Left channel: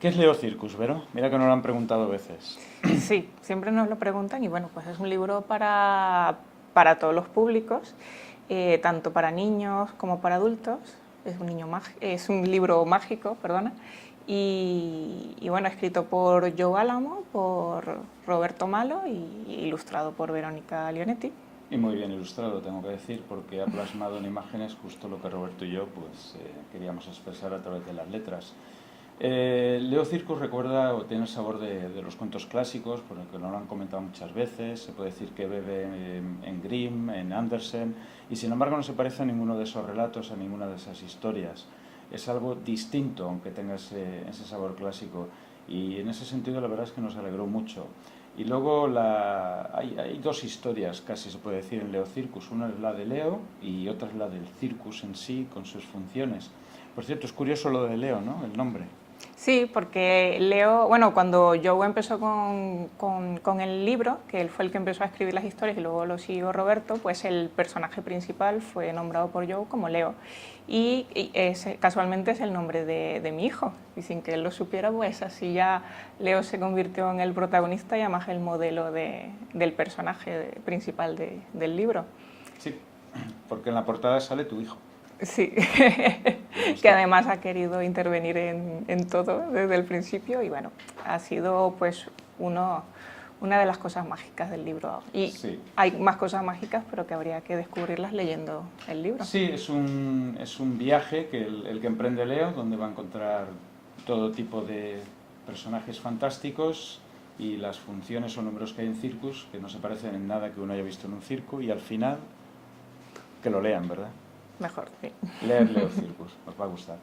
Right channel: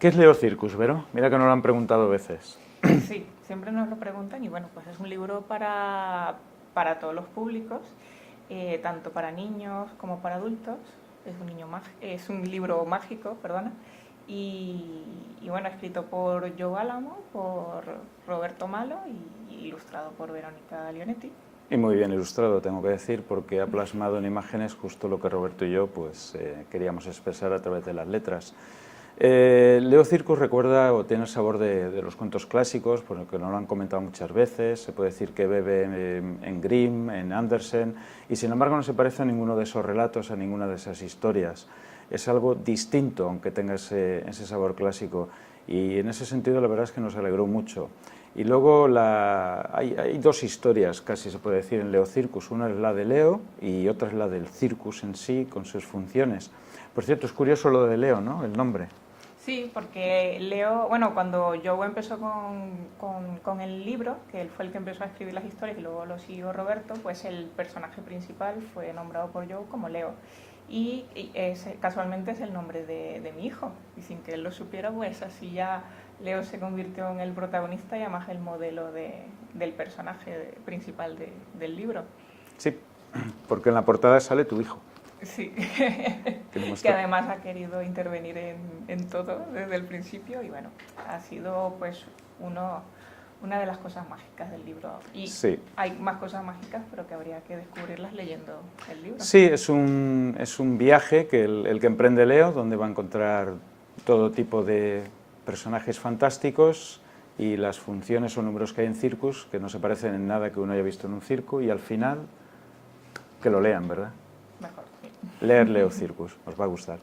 ¿Qué es Leo Circus, Vero? Mira que nos lo han preguntado veces. Sí, siempre nos lo preguntan y bueno, pues es un libro para todos los públicos, tanto para niños como para adultos. Es un libro mágico, perdona. Y bueno, escrito por Joe Álamo, por Roberto Malo y ilustrado por Verónica Leonetti. Y muy bien ilustrado, tengo que decir, porque ha plasmado en imágenes justo lo que Roberto y yo queríamos expresar a través de las letras. Leo Circus recuerda o tiene el sabor de los cuentos clásicos, por lo que nos lo han comentado muchas veces. Se puede decir que bebe en Grimm, en Andersen, y sin embargo no se parece a ninguno de esos relatos, a ninguna de esas historias. Es algo distinto, aunque tenga ese sabor clásico, y en ese sentido la verdad es que nos alegró mucho. Y luego hay dos historias, casi se puede decir, en Leo Circus. Una es la de Leo y otra es la del circus en sí, con sus funciones. Por cierto, es curioso lo de Leo, ¿no? El nombre. Sí, porque Leo, bueno, cuando Joe empezó con el libro, que él fue el que empezó a escribir las historias y luego lo siguió Roberto, pues el personaje principal fue nombrado por Joe como Leo. Casualmente es el nombre de mi hijo, y sin que él lo supiera, pues así ya Leo se convirtió en el protagonista y además el modelo del personaje principal del libro. Sí, porque en la portada sale tu hijo. Sí, que además ha querido intervenir en todo desde el principio y bueno, ha sido pues una de las cosas mágicas del libro. Y sí. Hay más cosas mágicas, pero que habría que descubrirlas leyendo el libro. Sí, es un viaje que el que emprende Leo, donde va a encontrar todo tipo de personajes fantásticos y las funciones o números que hay en circus, que no se parecen en nada que uno haya visto en un circo, y al final, que lo lean, ¿verdad? Mejor, sí. Leer Leo Circus, os va a gustar.